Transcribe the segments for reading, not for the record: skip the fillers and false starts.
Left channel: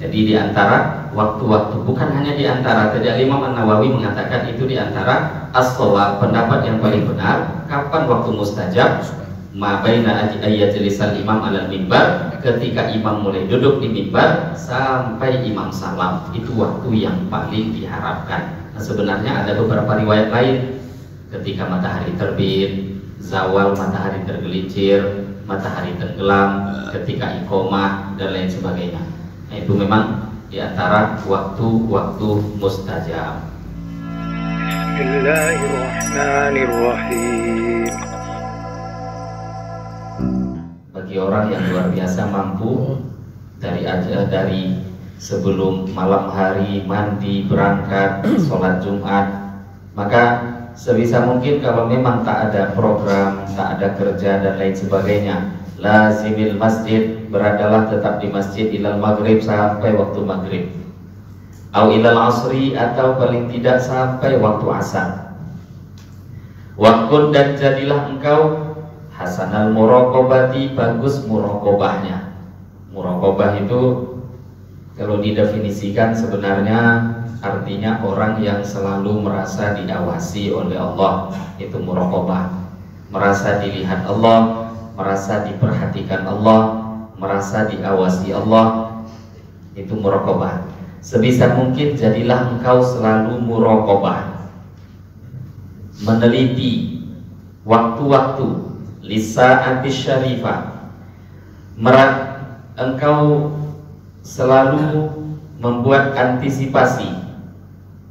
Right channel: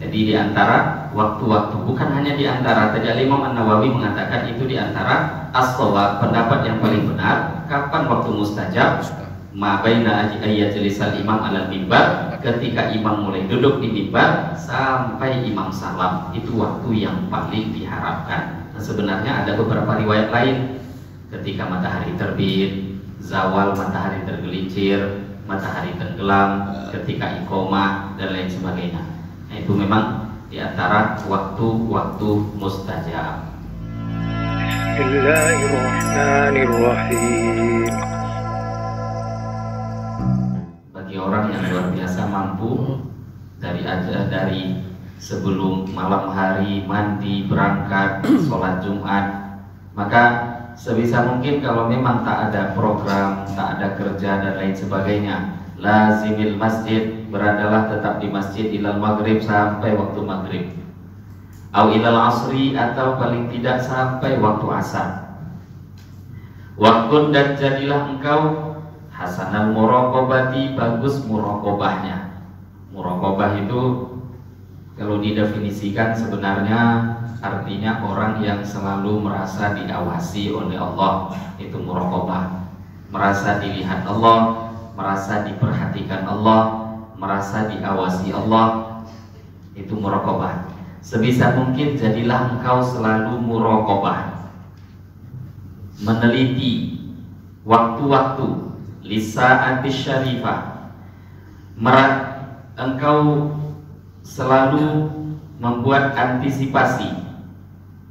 Jadi di antara waktu-waktu, bukan hanya di antara. Tadi Imam An-Nawawi mengatakan itu di antara as-shawab, pendapat yang paling benar. Kapan waktu mustajab? Ma baina ayajlisal imam alal mimbar, ketika imam mulai duduk di mimbar sampai imam salam, itu waktu yang paling diharapkan. Nah, sebenarnya ada beberapa riwayat lain, ketika matahari terbit, zawal matahari tergelincir, matahari tenggelam, ketika iqomah dan lain sebagainya. Nah, itu memang di antara waktu-waktu mustajab. Bismillahirrahmanirrahim. Bagi orang yang luar biasa mampu dari sebelum malam hari mandi berangkat sholat Jumat, maka sebisa mungkin kalau memang tak ada program, tak ada kerja dan lain sebagainya, lazimil masjid, beradalah tetap di masjid ilal maghrib, sampai waktu maghrib, au ilal asri, atau paling tidak sampai waktu asar. Wakun, dan jadilah engkau hasanal muraqabati, bagus muraqabahnya. Muraqabah itu kalau didefinisikan sebenarnya artinya orang yang selalu merasa diawasi oleh Allah, itu muraqabah. Merasa dilihat Allah, merasa diperhatikan Allah, merasa diawasi Allah, itu muraqabah. Sebisa mungkin jadilah engkau selalu muraqabah, meneliti waktu-waktu lisa'ati syarifah. Engkau selalu membuat antisipasi,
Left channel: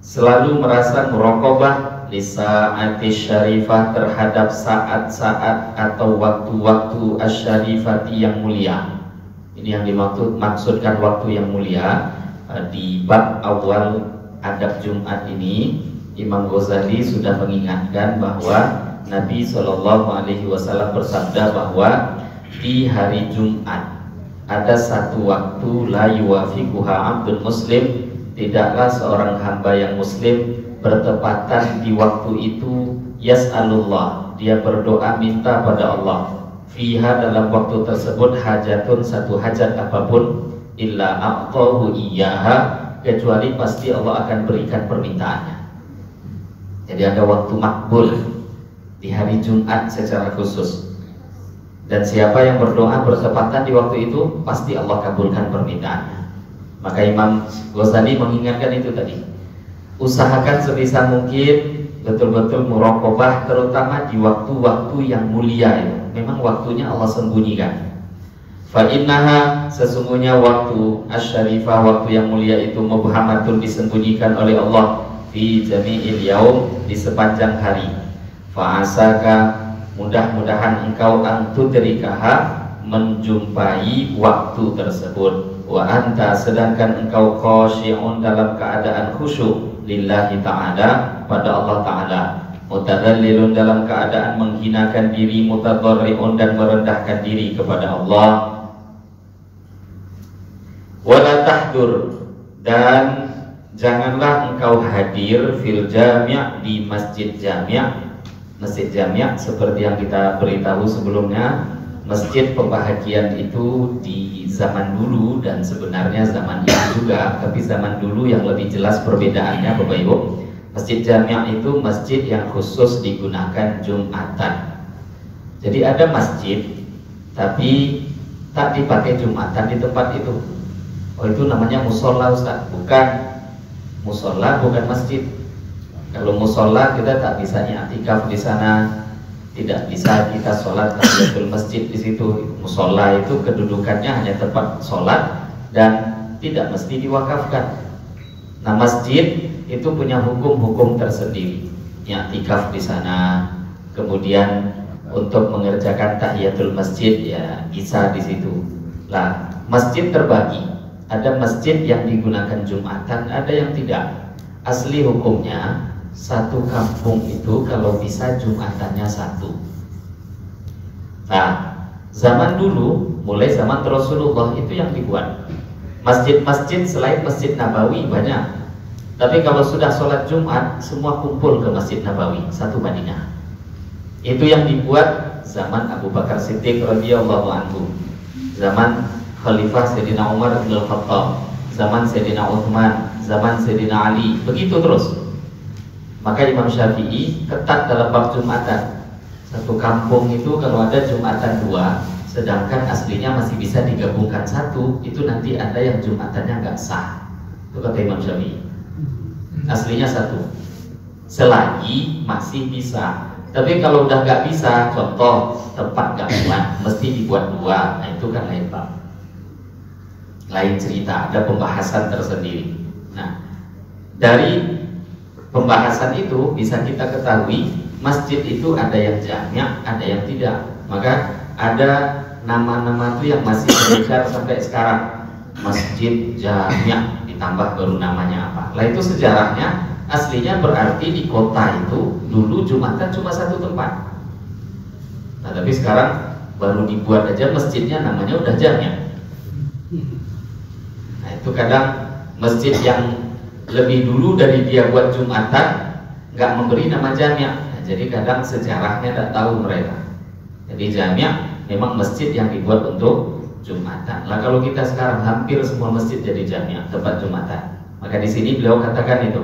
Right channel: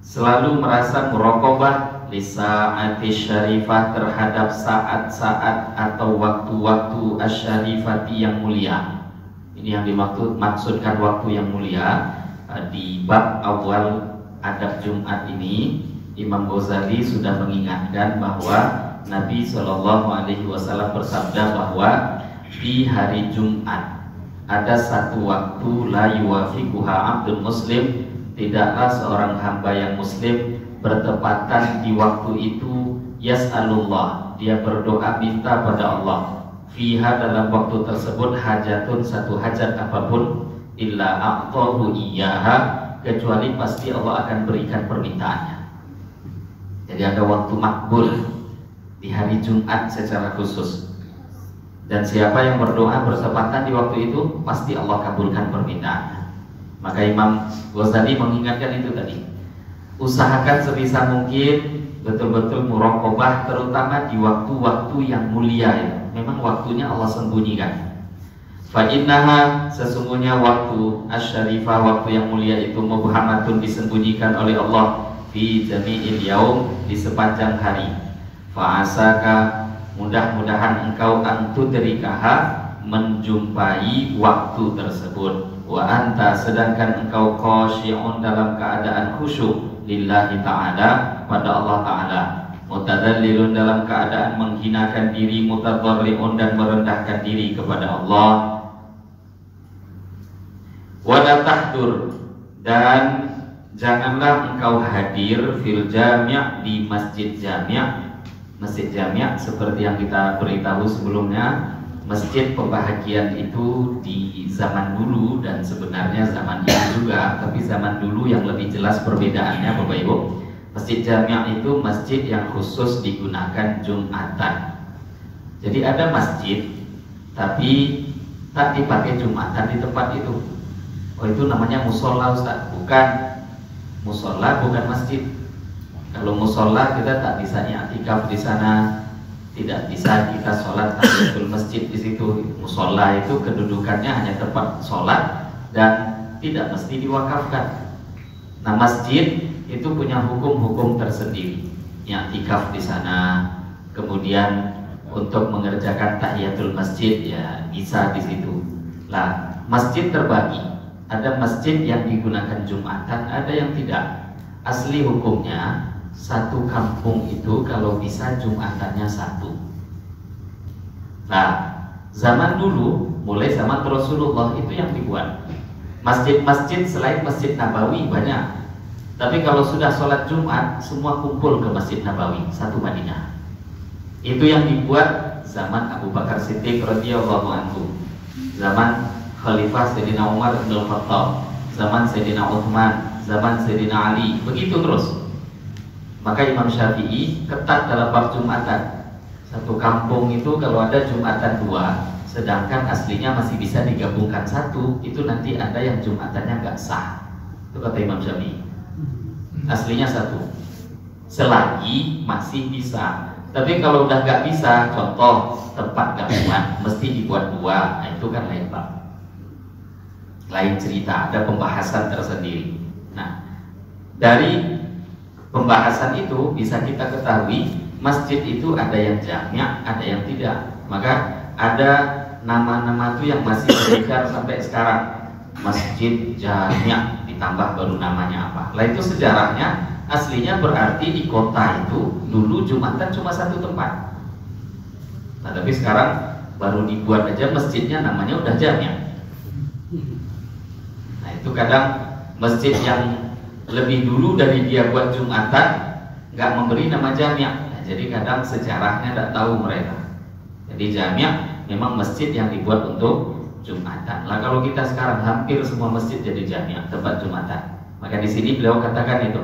selalu merasa muraqabah lisa'ati syarifah, terhadap saat-saat atau waktu-waktu asyarifati yang mulia. Ini yang dimaksudkan waktu yang mulia. Di bab awal adab Jumat ini Imam Ghazali sudah mengingatkan bahwa Nabi SAW bersabda bahwa di hari Jumat ada satu waktu la yuwafiquha abdul muslim, tidaklah seorang hamba yang muslim bertepatan di waktu itu yas'alullah, dia berdoa minta pada Allah, fiha, dalam waktu tersebut, hajatun, satu hajat apapun, illa a'tahu iyyaha, kecuali pasti Allah akan berikan permintaannya. Jadi ada waktu makbul di hari Jumat secara khusus, dan siapa yang berdoa bertepatan di waktu itu pasti Allah kabulkan permintaannya. Maka Imam Ghazali mengingatkan itu tadi, usahakan sebisa mungkin betul-betul muraqabah, terutama di waktu-waktu yang mulia itu. Memang waktunya Allah sembunyikan. Fa innaha, sesungguhnya waktu asyarifah, waktu yang mulia itu, mubhamatun, disembunyikan oleh Allah, fi jami'il yaum, di sepanjang hari. Fa asaka, mudah-mudahan engkau antudrikaha, menjumpai waktu tersebut. Wa anta, sedangkan engkau khashi'un, dalam keadaan khusyuk, lillahi ta'ala, pada Allah Ta'ala. Mutadallilun, dalam keadaan menghinakan diri, mutadharri'un, dan merendahkan diri kepada Allah. Wala tahdur, dan janganlah engkau hadir fil jami', di masjid jami'. Masjid jami' seperti yang kita beritahu sebelumnya, masjid pembahagian itu di zaman dulu dan sebenarnya zaman ini juga, tapi zaman dulu yang lebih jelas perbedaannya Bapak Ibu. Masjid jami' itu masjid yang khusus digunakan Jumatan. Jadi ada masjid tapi tak dipakai Jumatan di tempat itu. Oh, itu namanya musola, Ustaz. Bukan musola, bukan masjid. Kalau musola kita tak bisa i'tikaf di sana, tidak bisa kita sholat tahiyatul masjid di situ. Musola itu kedudukannya hanya tempat sholat dan tidak mesti diwakafkan. Nah, masjid itu punya hukum-hukum tersendiri. I'tikaf di sana, kemudian untuk mengerjakan tahiyatul masjid ya bisa di situ. Lah, masjid terbagi. Ada masjid yang digunakan Jumatan, ada yang tidak. Asli hukumnya satu kampung itu kalau bisa Jumatannya satu. Nah, zaman dulu, mulai zaman Rasulullah itu yang dibuat. Masjid-masjid selain Masjid Nabawi banyak. Tapi kalau sudah sholat Jumat, semua kumpul ke Masjid Nabawi, satu Madinah. Itu yang dibuat zaman Abu Bakar Siddiq radhiyallahu anhu, zaman Khalifah Sayyidina Umar bin Khattab, zaman Sayyidina Uthman, zaman Sayyidina Ali, begitu terus. Maka Imam Syafi'i ketat dalam bab Jumatan. Satu kampung itu kalau ada Jumatan 2, sedangkan aslinya masih bisa digabungkan 1, itu nanti ada yang Jumatannya nggak sah. Itu kata Imam Syafi'i. Aslinya 1, selagi masih bisa. Tapi kalau udah nggak bisa, contoh tempat nggak muat, mesti dibuat 2, nah itu kan lain bab, lain cerita, ada pembahasan tersendiri. Nah, dari pembahasan itu bisa kita ketahui masjid itu ada yang jami', ada yang tidak. Maka ada nama-nama itu yang masih beredar sampai sekarang, masjid jami', ditambah baru namanya apa. Lah itu sejarahnya aslinya berarti di kota itu dulu Jumatan cuma 1 tempat. Nah tapi sekarang baru dibuat aja masjidnya namanya udah jami'. Nah itu kadang masjid yang lebih dulu dari dia buat Jumatan nggak memberi nama jami'. Nah, jadi kadang sejarahnya tak tahu mereka. Jadi jami' memang masjid yang dibuat untuk Jumatan. Nah kalau kita sekarang hampir semua masjid jadi jami', tempat Jumatan. Maka di sini beliau katakan itu,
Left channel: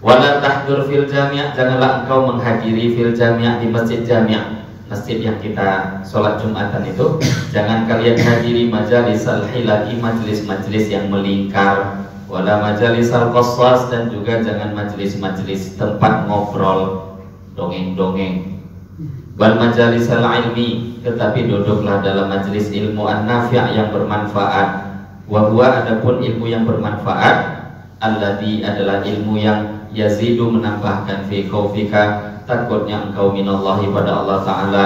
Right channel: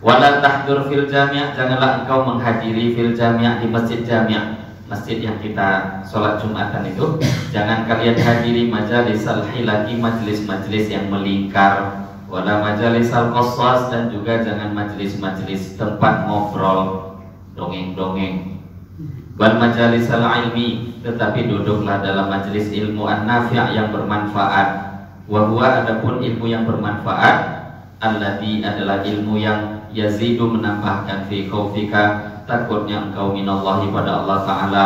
wala tahdur fil jami', janganlah engkau menghadiri fil jami', di masjid jami', masjid yang kita sholat Jumatan itu. Jangan kalian hadiri majalisal hilaki, majelis-majelis yang melingkar, wala majalisal qassas, dan juga jangan majelis-majelis tempat ngobrol, dongeng-dongeng. Wal majalisal ilmi, tetapi duduklah dalam majelis ilmu an-nafi' yang bermanfaat. Wa huwa, adapun ilmu yang bermanfaat, alladzi adalah ilmu yang yazidu, menambahkan fi khaufika, takutnya engkau minallahi pada Allah Ta'ala,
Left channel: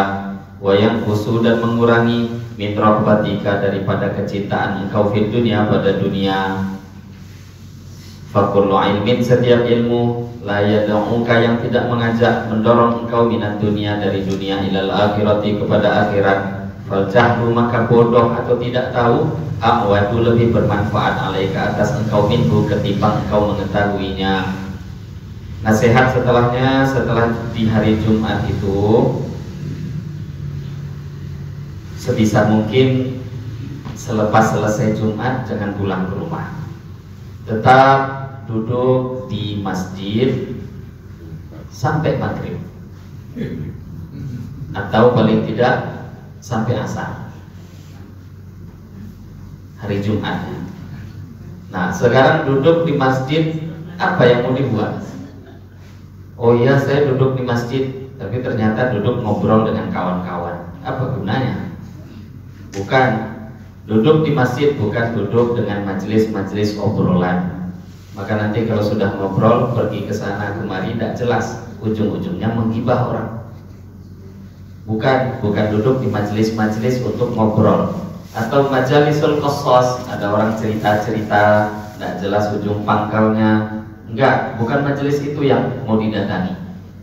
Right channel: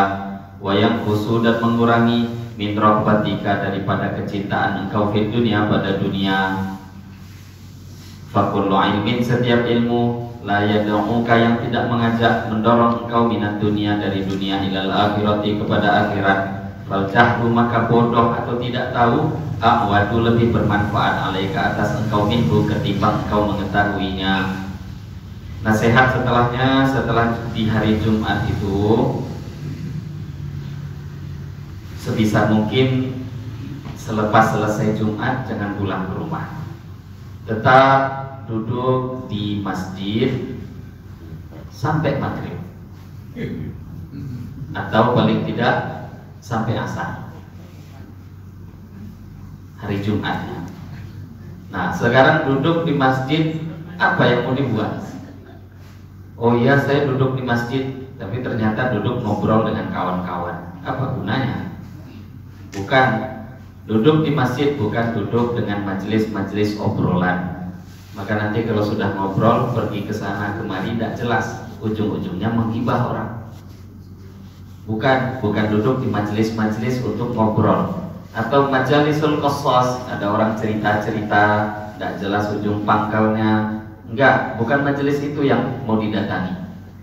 wa yanqusu, dan mengurangi min rahbatika, daripada kecintaan engkau fi dunia, pada dunia. Fa kullu ilmin, setiap ilmu, la yad'uka, yang tidak mengajak mendorong engkau minat dunia, dari dunia, ilal akhirati, kepada akhirat. Fal jahlu, maka bodoh atau tidak tahu, a'wadu, lebih bermanfaat alaika, atas engkau minhu, ketimbang engkau mengetahuinya. Nasihat setelahnya, setelah di hari Jumat itu, sebisa mungkin selepas selesai Jumat jangan pulang ke rumah, tetap duduk di masjid sampai maghrib, atau paling tidak sampai asar hari Jumat. Nah sekarang duduk di masjid, apa yang mau dibuat? Oh iya, saya duduk di masjid, tapi ternyata duduk ngobrol dengan kawan-kawan. Apa gunanya? Bukan duduk di masjid, bukan duduk dengan majelis-majelis obrolan. Maka nanti kalau sudah ngobrol, pergi ke sana kemari, tidak jelas, ujung-ujungnya menghibah orang. Bukan duduk di majelis-majelis untuk ngobrol. Atau majalisul qassas, ada orang cerita-cerita, tidak jelas ujung pangkalnya. Enggak, bukan majelis itu yang mau didatangi.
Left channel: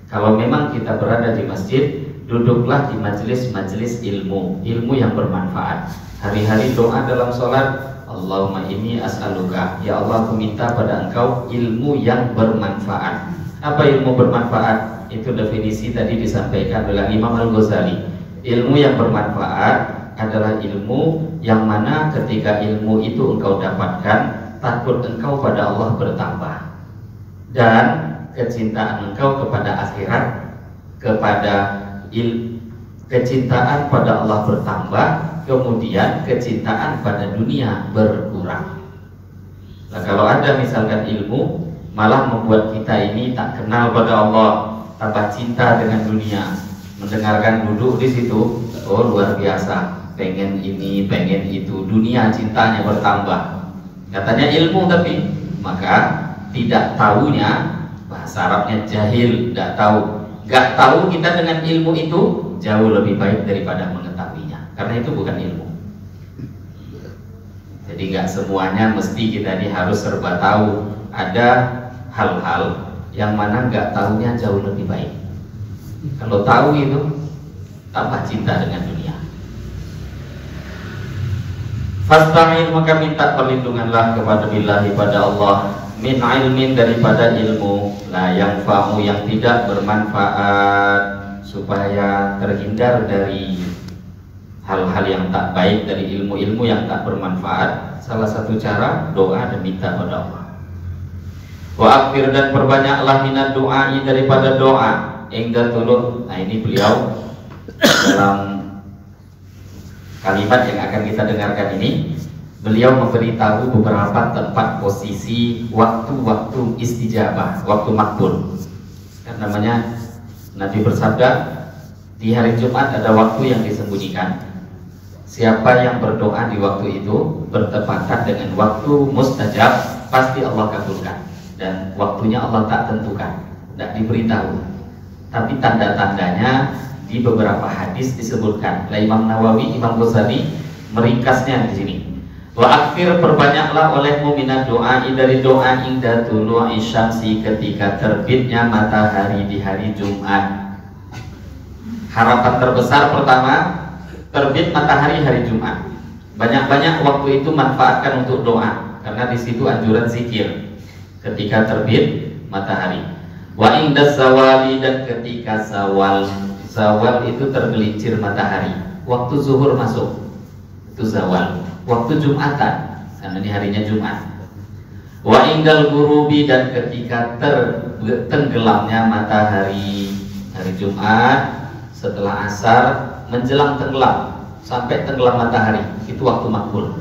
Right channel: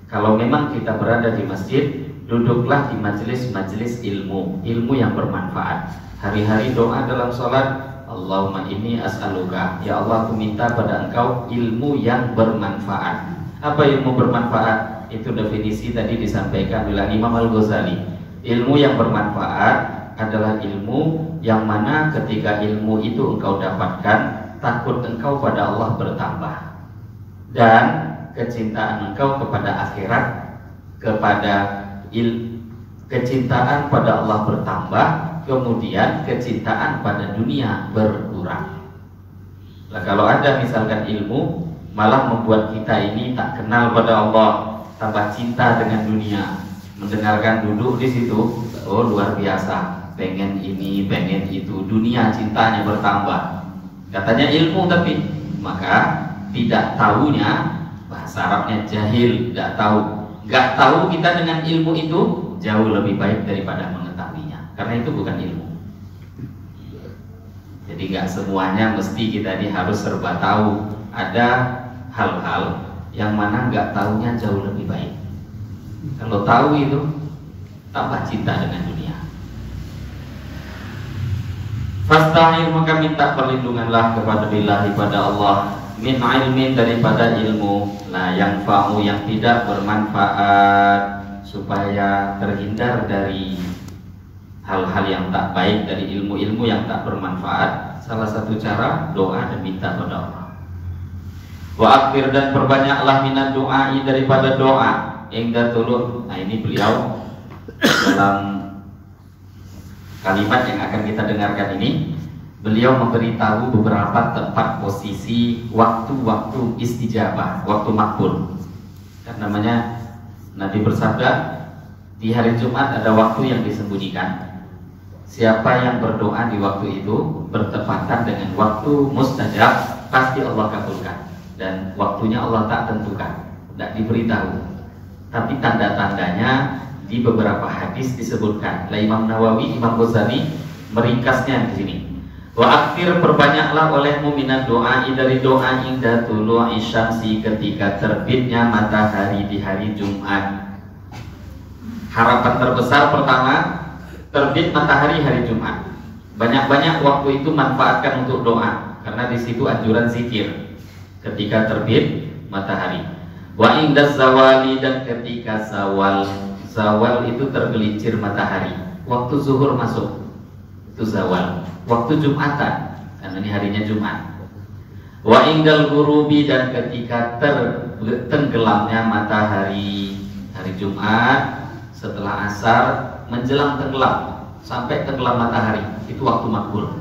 Kalau memang kita berada di masjid, duduklah di majelis-majelis ilmu, ilmu yang bermanfaat. Hari-hari doa dalam sholat, Allahumma inni as'aluka, ya Allah aku minta pada engkau ilmu yang bermanfaat. Apa ilmu bermanfaat? Itu definisi tadi disampaikan oleh Imam Al-Ghazali. Ilmu yang bermanfaat adalah ilmu yang mana ketika ilmu itu engkau dapatkan, takut engkau pada Allah bertambah, dan kecintaan engkau kepada akhirat, kecintaan pada Allah bertambah, kemudian kecintaan pada dunia berkurang. Nah, kalau ada misalkan ilmu malah membuat kita ini tak kenal pada Allah, tambah cinta dengan dunia, mendengarkan duduk di situ, oh luar biasa, pengen ini, pengen itu, dunia cintanya bertambah. Katanya ilmu, tapi maka tidak tahunya, bahasa Arabnya jahil, tidak tahu. Gak tahu kita dengan ilmu itu jauh lebih baik daripada mengetahuinya, karena itu bukan ilmu. Jadi gak semuanya mesti kita ini harus serba tahu. Ada hal-hal yang mana gak tahunya jauh lebih baik. Kalau tahu itu tambah cinta dengan dunia. Fasta'in, maka minta perlindunganlah kepada billahi, pada Allah, min ilmin, daripada ilmu, la yang fa'u, yang tidak bermanfaat, supaya terhindar dari hal-hal yang tak baik, dari ilmu-ilmu yang tak bermanfaat, salah satu cara doa dan minta pada Allah. Wa akthir, dan perbanyaklah minad doai, daripada doa, ingda tuluh. Nah, ini beliau dalam kalimat yang akan kita dengarkan ini, beliau memberitahu beberapa tempat posisi waktu-waktu istijabah, waktu makbul. Kan namanya Nabi bersabda, di hari Jumat ada waktu yang disembunyikan. Siapa yang berdoa di waktu itu bertepatan dengan waktu mustajab, pasti Allah kabulkan. Dan waktunya Allah tak tentukan, tidak diberitahu. Tapi tanda-tandanya di beberapa hadis disebutkan. Imam Nawawi, Imam Ghazali meringkasnya di sini. Wa akhir, perbanyaklah olehmu minat doa, dari doa inda tulu'i syamsi, ketika terbitnya matahari di hari Jumat. Harapan terbesar pertama, terbit matahari hari Jumat. Banyak-banyak waktu itu manfaatkan untuk doa, karena di situ anjuran zikir ketika terbit matahari. Wa inda zawali, dan ketika zawal. Zawal itu tergelincir matahari. Waktu zuhur masuk, itu zawal. Waktu Jumatan, karena ini harinya Jumat. Wa indal ghurubi, dan ketika tenggelamnya matahari hari Jumat, setelah asar menjelang tenggelam sampai tenggelam matahari, itu waktu makbul.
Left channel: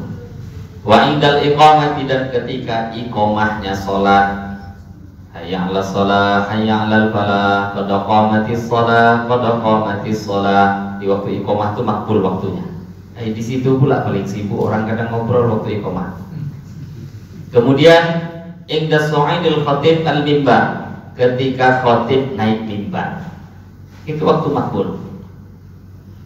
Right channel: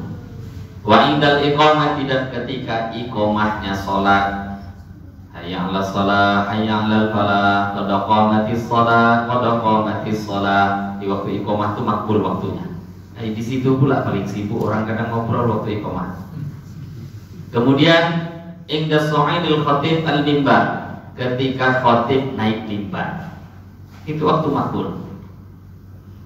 Wa indal iqamati, dan ketika iqamahnya sholat, hayya 'alas shalah, hayya 'alal falah, qad qamatis shalah, qad qamatis shalah. Di waktu iqamah itu makbul waktunya. Di situ pula paling sibuk orang kadang ngobrol waktu iqamah. Kemudian ingda su'idil khatib al-mimbar, ketika khatib naik mimbar, itu waktu makbul.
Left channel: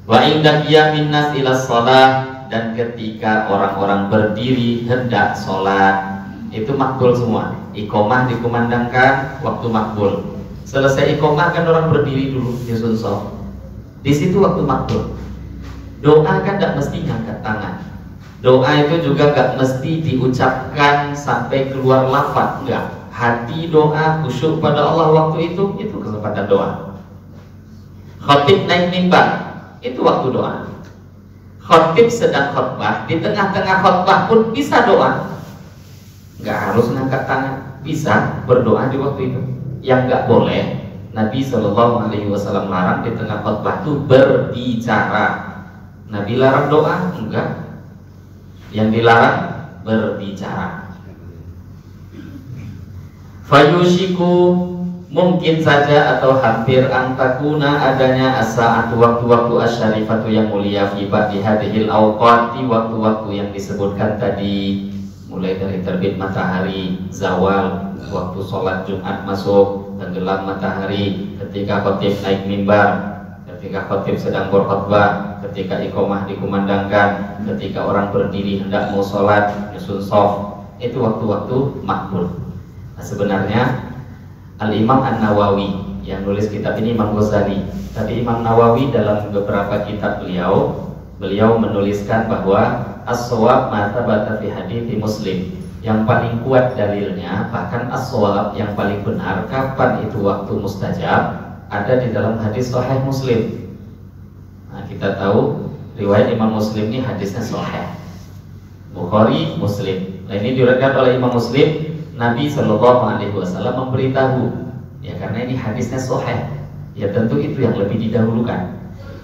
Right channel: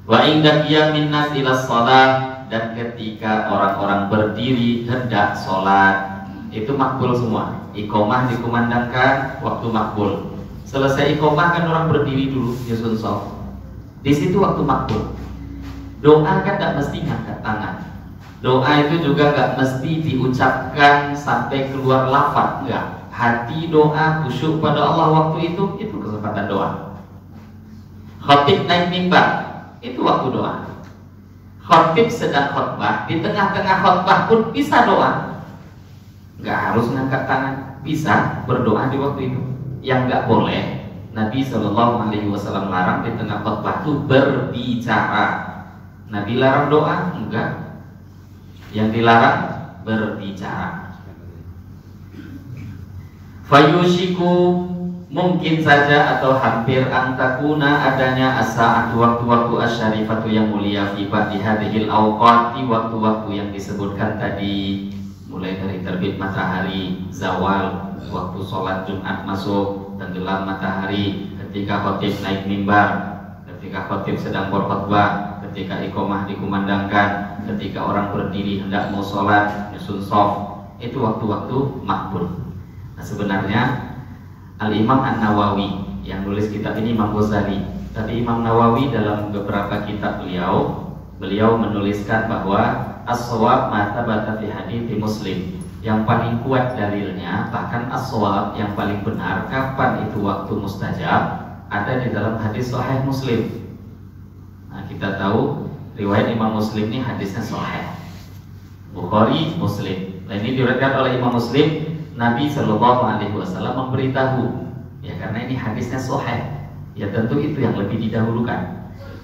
Wa ingda qiyamin nas ila shalah, dan ketika orang-orang berdiri hendak sholat, itu makbul semua. Iqamah dikumandangkan, waktu makbul. Selesai iqamah kan orang berdiri dulu nyusun shaf. Di situ waktu makbul. Doa kan tidak mesti ngangkat tangan. Doa itu juga gak mesti diucapkan sampai keluar lafaz, enggak. Hati doa, khusyuk pada Allah waktu itu kesempatan doa. Khatib naik mimbar, itu waktu doa. Khatib sedang khutbah, di tengah-tengah khutbah pun bisa doa. Enggak harus ngangkat tangan, bisa berdoa di waktu itu. Yang enggak boleh, Nabi SAW larang di tengah khutbah itu berbicara. Nabi larang doa? Enggak. Yang dilarang berbicara. Fayushiku, mungkin saja atau hampir antakuna adanya as-sa'atu, waktu-waktu asyarifatu yang mulia, fi ba'di hadhil awqati, waktu-waktu yang disebutkan tadi, mulai dari terbit matahari, zawal, waktu sholat Jumat masuk, tenggelam matahari, ketika khatib naik mimbar, ketika khatib sedang berkhutbah, ketika iqamah dikumandangkan, ketika orang berdiri hendak mau sholat, nyusun shaf, itu waktu-waktu makbul. Nah, sebenarnya Al-Imam An-Nawawi yang nulis kitab ini Imam Ghazali. Tadi Imam Nawawi dalam beberapa kitab beliau menuliskan bahwa as-shawab ma thabata fi hadithi Muslim. Yang paling kuat dalilnya, bahkan as-shawab yang paling benar kapan itu waktu mustajab, ada di dalam hadis sahih Muslim. Nah, kita tahu riwayat Imam Muslim ini hadisnya sahih. Bukhari, Muslim. Nah, ini diriwayatkan oleh Imam Muslim, Nabi SAW memberitahu, ya karena ini hadisnya sahih, ya tentu itu yang lebih didahulukan.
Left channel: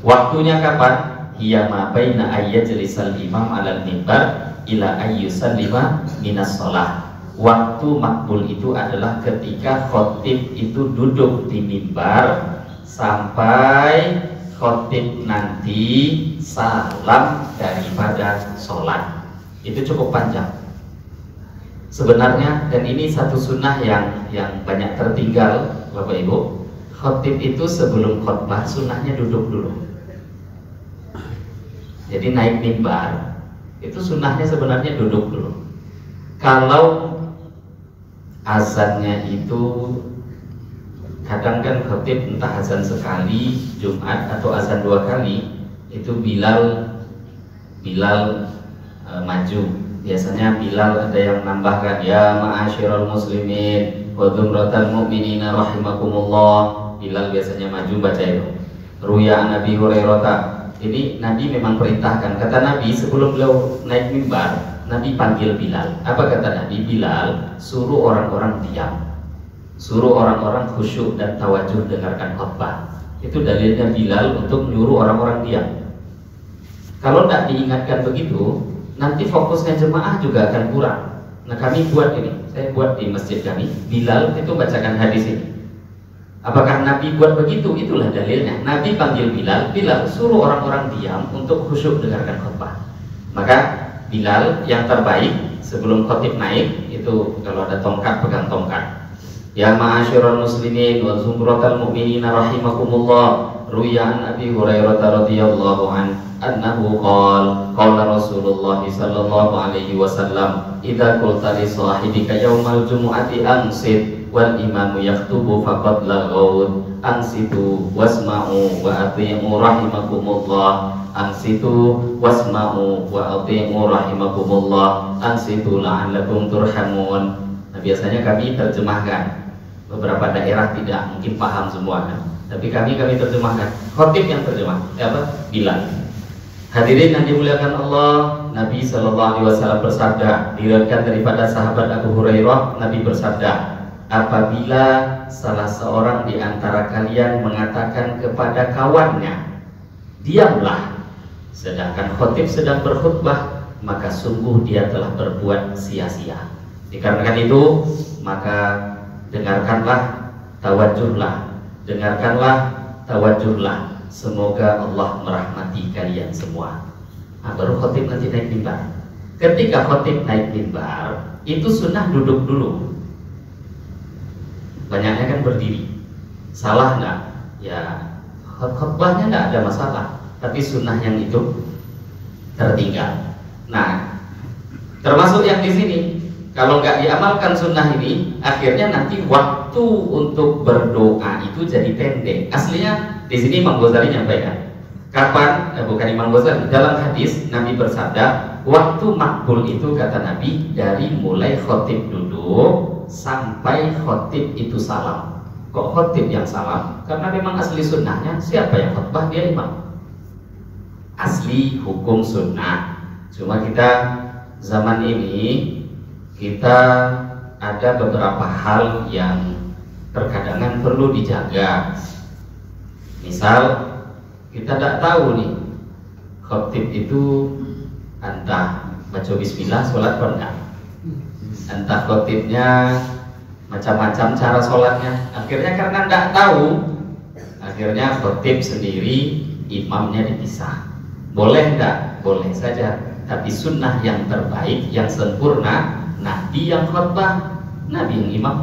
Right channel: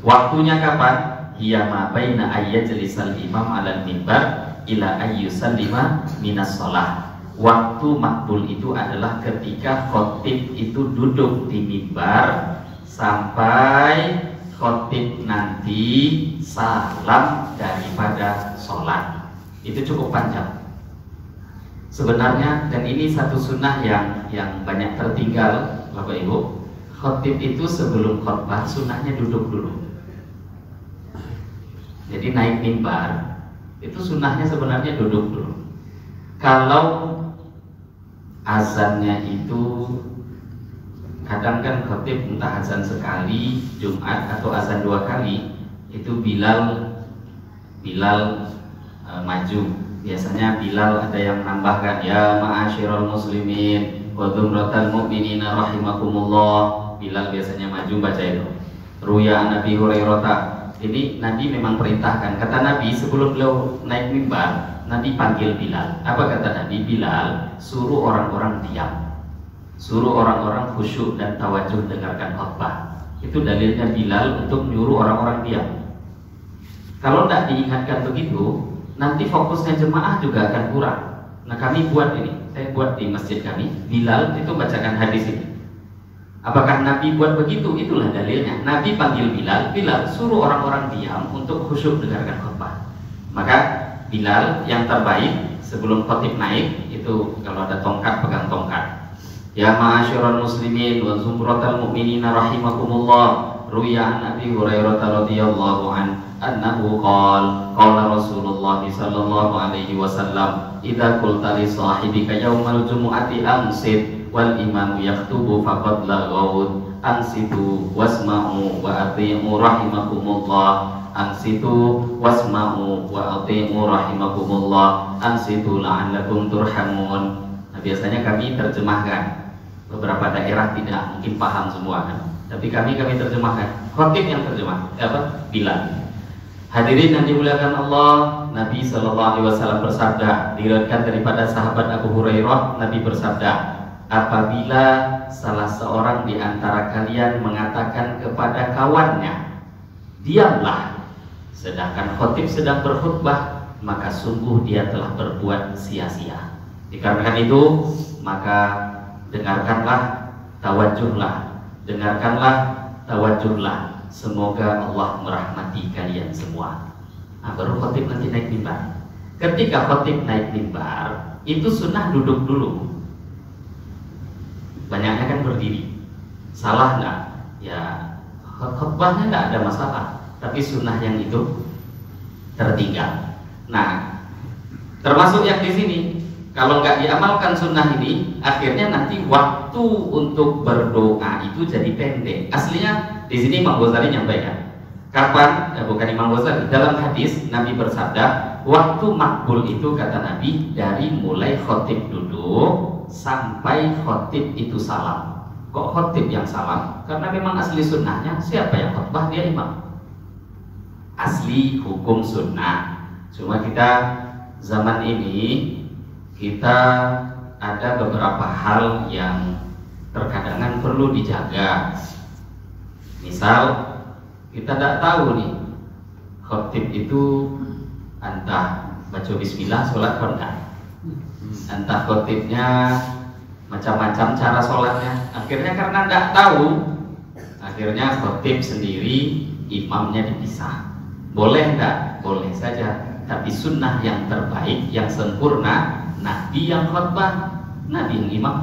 Waktunya kapan? Hiya ma baina ayyajlisal imam 'alal mimbar ila ayyusallima minas shalah. Waktu makbul itu adalah ketika khatib itu duduk di mimbar sampai khatib nanti salam daripada sholat. Itu cukup panjang sebenarnya, dan ini satu sunnah yang banyak tertinggal Bapak Ibu. Khatib itu sebelum khutbah sunnahnya duduk dulu. Jadi naik mimbar itu sunnahnya sebenarnya duduk dulu. Kalau azannya itu kadang kan khatib entah azan sekali Jumat atau azan 2 kali, itu Bilal maju. Biasanya Bilal ada yang nambahkan, ya ma'asyiral muslimin wa dzumratal mu'minina rahimakumullah. Bilal biasanya maju baca itu. Ruya an Nabi Hurairah Ini Nabi memang perintahkan. Kata Nabi sebelum beliau naik mimbar, Nabi panggil Bilal. Apa kata Nabi? Bilal, suruh orang-orang diam, suruh orang-orang khusyuk dan tawajuh dengarkan khutbah. Itu dalilnya Bilal untuk menyuruh orang-orang diam. Kalau tidak diingatkan begitu, nanti fokusnya jemaah juga akan kurang. Nah kami buat ini, saya buat di masjid kami, Bilal itu bacakan hadis ini. Apakah Nabi buat begitu? Itulah dalilnya. Nabi panggil Bilal, Bilal suruh orang-orang diam untuk khusyuk dengarkan khutbah. Maka Bilal yang terbaik sebelum khotib naik itu kalau ada tongkat pegang tongkat. Ya ma'asyiral muslimin wa zumratal mu'minina rahimakumullah. Ruwiya an Abi Hurairah radhiyallahu anhu qala Rasulullah sallallahu alaihi wasallam idza qulta li sahibika yaumal jumu'ati ansit wal imamu yaktubu faqad laghaut ansitu wasma'u wa ati'u rahimakumullah ansitu wasma'u wa ati'u rahimakumullah ansitu la'allakum turhamun. Nah, biasanya kami terjemahkan, beberapa daerah tidak mungkin paham semua kan, tapi kami terjemahkan. Khotib yang terjemah siapa? Bilal. Hadirin yang dimuliakan Allah, Nabi Shallallahu Alaihi Wasallam bersabda, diriwayatkan daripada sahabat Abu Hurairah, Nabi bersabda, apabila salah seorang di antara kalian mengatakan kepada kawannya, diamlah, sedangkan khotib sedang berkhutbah, maka sungguh dia telah berbuat sia-sia. Dikarenakan itu, maka dengarkanlah, tawajuhlah, dengarkanlah, tawajuhlah. Semoga Allah merahmati kalian semua. Nah, baru khotib nanti naik mimbar. Ketika khotib naik mimbar, itu sunnah duduk dulu. Banyaknya kan berdiri. Salah nggak? Ya khutbahnya nggak ada masalah. Tapi sunnah yang itu tertinggal. Nah, termasuk yang di sini. Kalau nggak diamalkan sunnah ini, akhirnya nanti waktu untuk berdoa itu jadi pendek. Aslinya di sini Imam Ghazali nyampaikan. Kapan? Bukan Imam Ghazali. Dalam hadis Nabi bersabda, waktu makbul itu kata Nabi dari mulai khotib duduk sampai khotib itu salam. Kok khotib yang salam? Karena memang asli sunnahnya siapa yang khutbah dia imam. Asli hukum sunnah. Cuma kita zaman ini kita ada beberapa hal yang terkadang perlu dijaga. Misal kita tidak tahu nih khotib itu entah baca bismillah sholat enggak, entah khotibnya macam-macam cara sholatnya. Akhirnya karena tidak tahu, akhirnya khotib sendiri, imamnya dipisah. Boleh enggak? Boleh saja. Tapi sunnah yang terbaik, yang sempurna, Nabi yang khutbah, Nabi yang imam.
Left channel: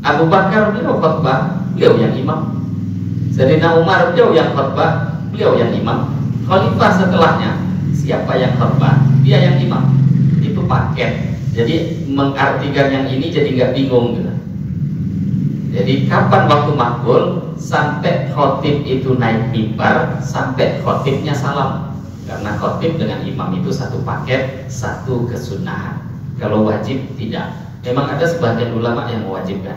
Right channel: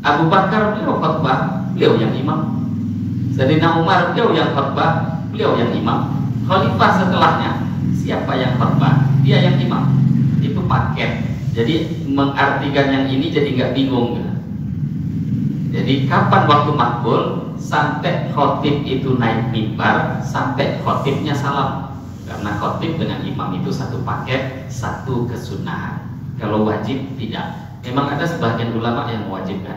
Abu Bakar beliau khutbah, beliau yang imam. Sayyidina Umar beliau yang khutbah, beliau yang imam. Khalifah setelahnya siapa yang khutbah? Dia yang imam. Itu paket. Jadi mengartikan yang ini jadi nggak bingung gitu. Jadi kapan waktu makbul sampai khotib itu naik mimbar, sampai khotibnya salam. Karena khotib dengan imam itu satu paket, satu kesunahan. Kalau wajib tidak. Memang ada sebagian ulama yang mewajibkan.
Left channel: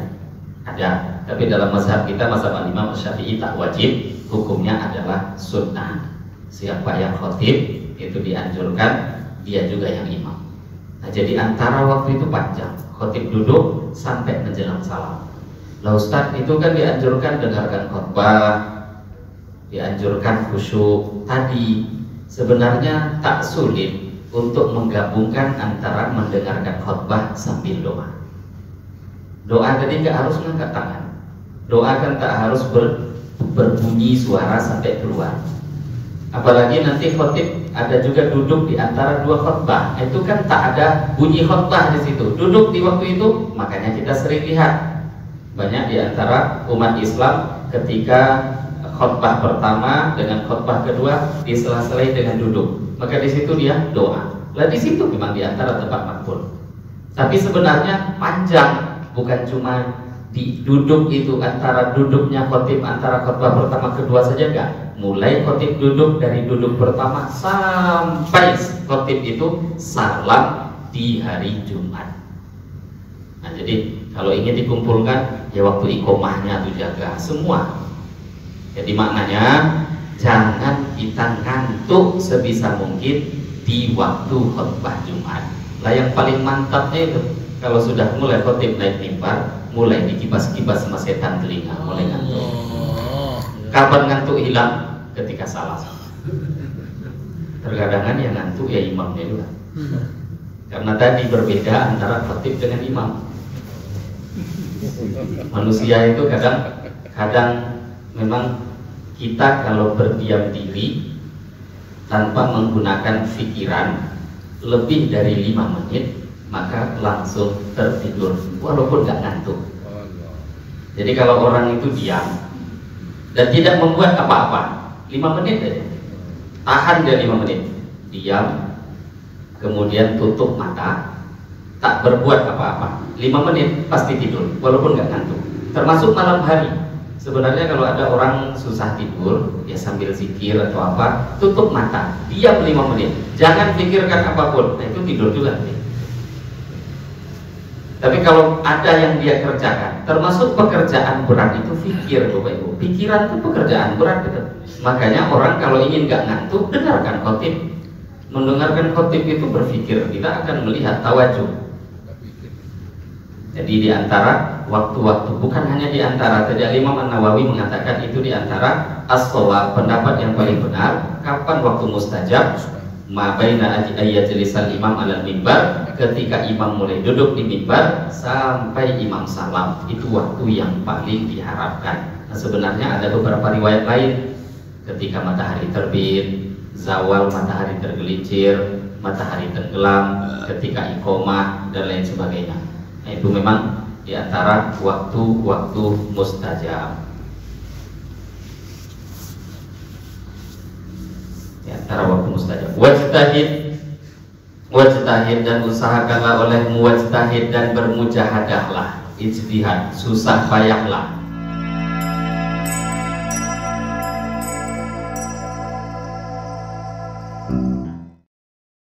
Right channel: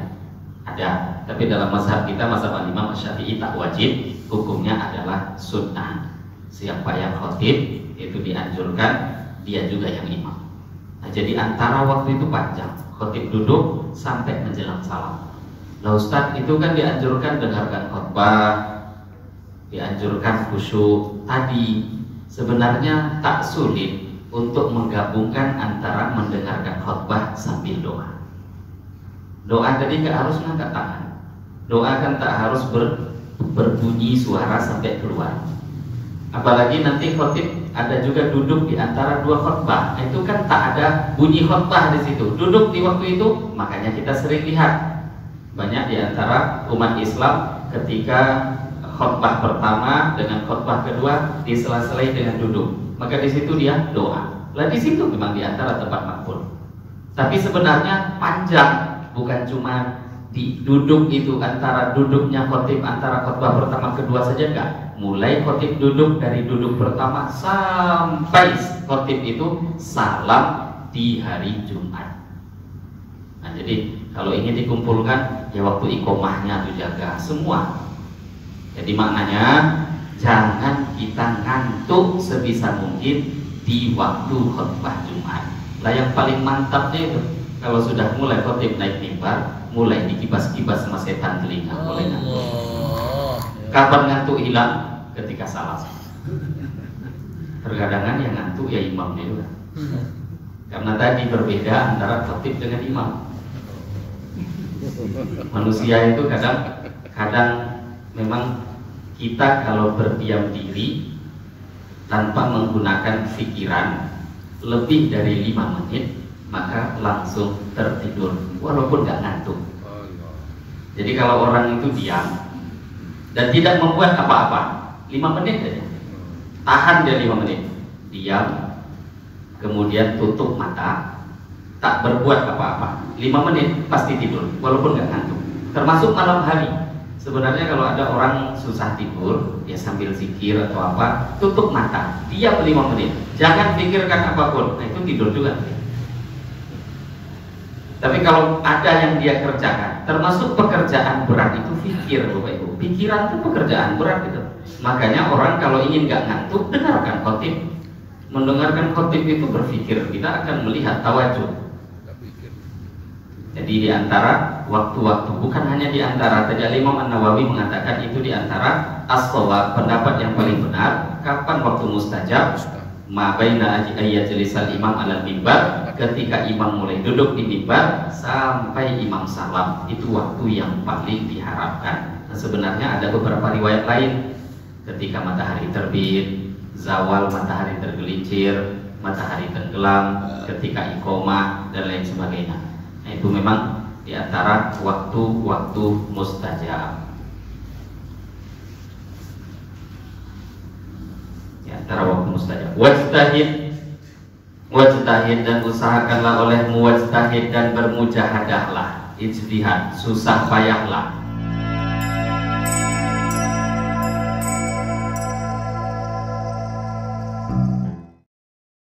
Ada. Tapi dalam mazhab kita, mazhab Imam Syafi'i tak wajib. Hukumnya adalah sunnah. Siapa yang khotib itu dianjurkan, dia juga yang imam. Nah, jadi antara waktu itu panjang. Khotib duduk sampai menjelang salam. Nah Ustaz, itu kan dianjurkan dengarkan khutbah, dianjurkan khusyuk. Tadi sebenarnya tak sulit untuk menggabungkan antara mendengarkan khutbah sambil doa. Doa tadi tak harus mengangkat tangan. Doa kan tak harus berbunyi suara sampai keluar. Apalagi nanti khotib ada juga duduk di antara dua khutbah. Itu kan tak ada bunyi khutbah di situ. Duduk di waktu itu, makanya kita sering lihat banyak di antara umat Islam ketika khutbah pertama dengan khutbah kedua disela-selai dengan duduk. Maka di situ dia doa. Lah di situ memang di antara tempat makbul. Tapi sebenarnya panjang, bukan cuma di duduk itu antara duduknya khotib antara khutbah pertama kedua saja enggak. Mulai khotib duduk dari duduk pertama sampai khotib itu salam di hari Jumat. Nah jadi kalau ingin dikumpulkan ya waktu iqomahnya tuh jaga semua. Jadi maknanya jangan kita ngantuk sebisa mungkin di waktu khutbah Jumat. Nah yang paling mantapnya itu kalau sudah mulai khotib naik mimbar, mulai dikipas-kipas sama setan telinga, mulai ngantuk. Kapan ngantuk hilang? Ketika salam. Terkadang yang ngantuk ya imamnya juga. Karena tadi berbeda antara khotib dengan imam. Manusia itu kadang memang kita kalau berdiam diri tanpa menggunakan pikiran lebih dari 5 menit maka langsung tertidur walaupun gak ngantuk. Jadi kalau orang itu diam dan tidak membuat apa-apa 5 menit aja, tahan dia 5 menit, diam, kemudian tutup mata, tak berbuat apa-apa 5 menit pasti tidur walaupun gak ngantuk. Termasuk malam hari. Sebenarnya kalau ada orang susah tidur, ya sambil zikir atau apa, tutup mata, diam 5 menit, jangan pikirkan apapun, nah itu tidur juga. Tapi kalau ada yang dia kerjakan, termasuk pekerjaan berat itu pikir, Bapak Ibu. Pikiran itu pekerjaan berat gitu. Makanya orang kalau ingin gak ngantuk, dengarkan khotib. Mendengarkan khotib itu berpikir, kita akan melihat tawajuh. Jadi di antara waktu-waktu, bukan hanya di antara, tadi Imam An-Nawawi mengatakan itu di antara as-shawab, pendapat yang paling benar. Kapan waktu mustajab? Ma baina ayyajlisal imam alal mimbar, ketika imam mulai duduk di mimbar sampai imam salam, itu waktu yang paling diharapkan. Nah, sebenarnya ada beberapa riwayat lain, ketika matahari terbit, zawal matahari tergelincir, matahari tenggelam, ketika iqomah dan lain sebagainya. Nah, itu memang di antara waktu-waktu mustajab. Di antara waktu mustajab. Wajtahid dan usahakanlah olehmu, wajtahid dan bermujahadahlah, ijtihad, susah payahlah.